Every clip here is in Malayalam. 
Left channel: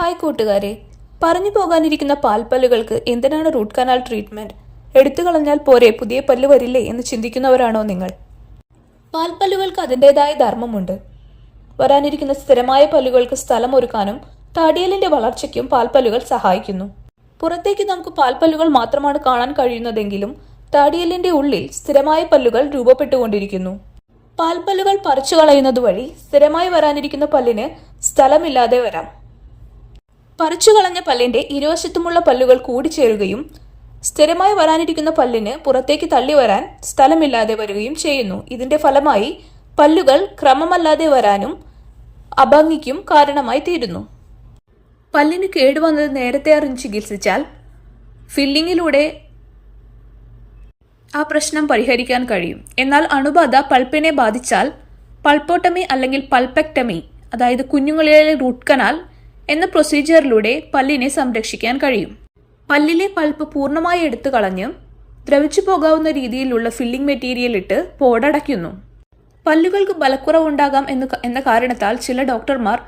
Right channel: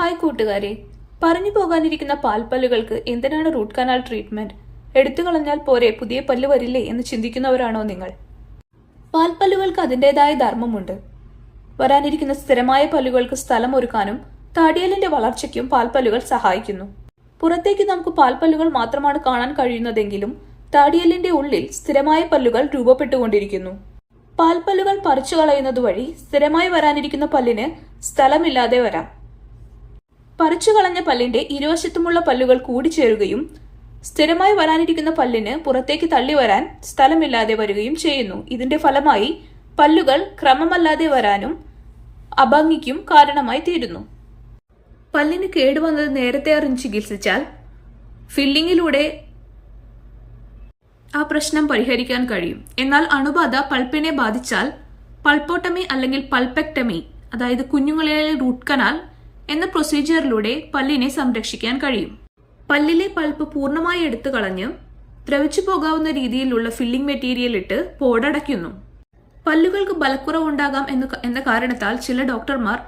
ഹായ് കൂട്ടുകാരെ. പറഞ്ഞു പോകാനിരിക്കുന്ന പാൽപ്പല്ലുകൾക്ക് എന്തിനാണ് റൂട്ട് കനാൽ ട്രീറ്റ്മെന്റ്? എടുത്തു കളഞ്ഞാൽ പോരെ പുതിയ പല്ല് വരില്ലേ എന്ന് ചിന്തിക്കുന്നവരാണോ നിങ്ങൾ? പാൽപ്പല്ലുകൾക്ക് അതിന്റെതായ ധർമ്മമുണ്ട്. വരാനിരിക്കുന്ന സ്ഥിരമായ പല്ലുകൾക്ക് സ്ഥലം ഒരുക്കാനും താടിയലിന്റെ വളർച്ചയ്ക്കും പാൽപ്പല്ലുകൾ സഹായിക്കുന്നു. പുറത്തേക്ക് നമുക്ക് പാൽപ്പല്ലുകൾ മാത്രമാണ് കാണാൻ കഴിയുന്നതെങ്കിലും താടിയലിന്റെ ഉള്ളിൽ സ്ഥിരമായ പല്ലുകൾ രൂപപ്പെട്ടുകൊണ്ടിരിക്കുന്നു. പാൽപ്പല്ലുകൾ പറിച്ചു കളയുന്നത് വഴി സ്ഥിരമായി വരാനിരിക്കുന്ന പല്ലിന് സ്ഥലമില്ലാതെ വരാം. പറിച്ചു കളഞ്ഞ പല്ലിന്റെ ഇരുവശത്തുമുള്ള പല്ലുകൾ കൂടിച്ചേരുകയും സ്ഥിരമായി വരാനിരിക്കുന്ന പല്ലിന് പുറത്തേക്ക് തള്ളി വരാൻ സ്ഥലമില്ലാതെ വരികയും ചെയ്യുന്നു. ഇതിന്റെ ഫലമായി പല്ലുകൾ ക്രമമല്ലാതെ വരാനും അഭംഗിക്കും കാരണമായി തീരുന്നു. പല്ലിന് കേടുവന്നത് നേരത്തെ അറിഞ്ഞ് ചികിത്സിച്ചാൽ ഫില്ലിങ്ങിലൂടെ ആ പ്രശ്നം പരിഹരിക്കാൻ കഴിയും. എന്നാൽ അണുബാധ പൾപ്പിനെ ബാധിച്ചാൽ പൾപ്പോട്ടമി അല്ലെങ്കിൽ പൾപെക്ടമി അതായത് കുഞ്ഞുങ്ങളിലെ റൂട്ട് കനാൽ എന്ന പ്രൊസീജിയറിലൂടെ പല്ലിനെ സംരക്ഷിക്കാൻ കഴിയും. പല്ലിലെ പൾപ്പ് പൂർണമായി എടുത്തു കളഞ്ഞ് ദ്രവിച്ചു പോകാവുന്ന രീതിയിലുള്ള ഫില്ലിംഗ് മെറ്റീരിയൽ ഇട്ട് പോടടയ്ക്കുന്നു പല്ലുകൾക്ക് ബലക്കുറവുണ്ടാകാം എന്ന് എന്ന കാരണത്താൽ ചില ഡോക്ടർമാർ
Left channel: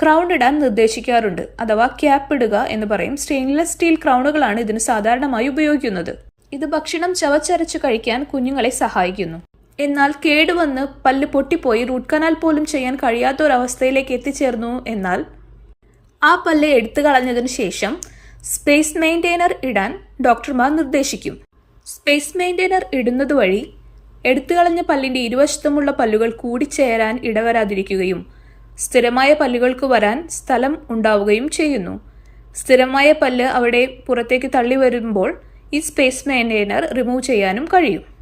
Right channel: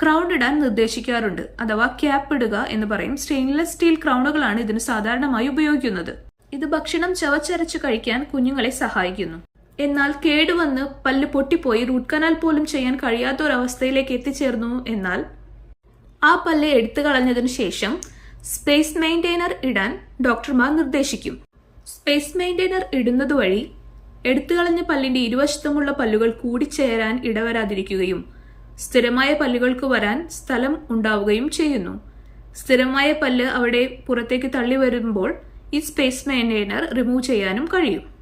ക്രൗൺ ഇടാൻ നിർദ്ദേശിക്കാറുണ്ട്. അഥവാ ക്യാപ്പ് ഇടുക എന്ന് പറയും. സ്റ്റെയിൻലെസ് സ്റ്റീൽ ക്രൗണുകളാണ് ഇതിന് സാധാരണമായി ഉപയോഗിക്കുന്നത്. ഇത് ഭക്ഷണം ചവച്ചരച്ച് കഴിക്കാൻ കുഞ്ഞുങ്ങളെ സഹായിക്കുന്നു. എന്നാൽ കേടുവന്ന് പല്ല് പൊട്ടിപ്പോയി റൂട്ട് കനാൽ പോലും ചെയ്യാൻ കഴിയാത്ത ഒരവസ്ഥയിലേക്ക് എത്തിച്ചേർന്നു എന്നാൽ ആ പല്ല് എടുത്തു കളഞ്ഞതിനു ശേഷം സ്പേസ് മെയിന്റെയിനർ ഇടാൻ ഡോക്ടർമാർ നിർദ്ദേശിക്കും. സ്പേസ് മെയിന്റെയിനർ ഇടുന്നത് വഴി എടുത്തു കളഞ്ഞ പല്ലിന്റെ ഇരുവശത്തുമുള്ള പല്ലുകൾ കൂടിച്ചേരാൻ ഇടവരാതിരിക്കുകയും സ്ഥിരമായ പല്ലുകൾക്ക് വരാൻ സ്ഥലം ഉണ്ടാവുകയും ചെയ്യുന്നു. സ്ഥിരമായ പല്ല് അവിടെ പുറത്തേക്ക് തള്ളി വരുമ്പോൾ ഈ സ്പേസ് മെയിന്റെയിനർ റിമൂവ് ചെയ്യാനും കഴിയും.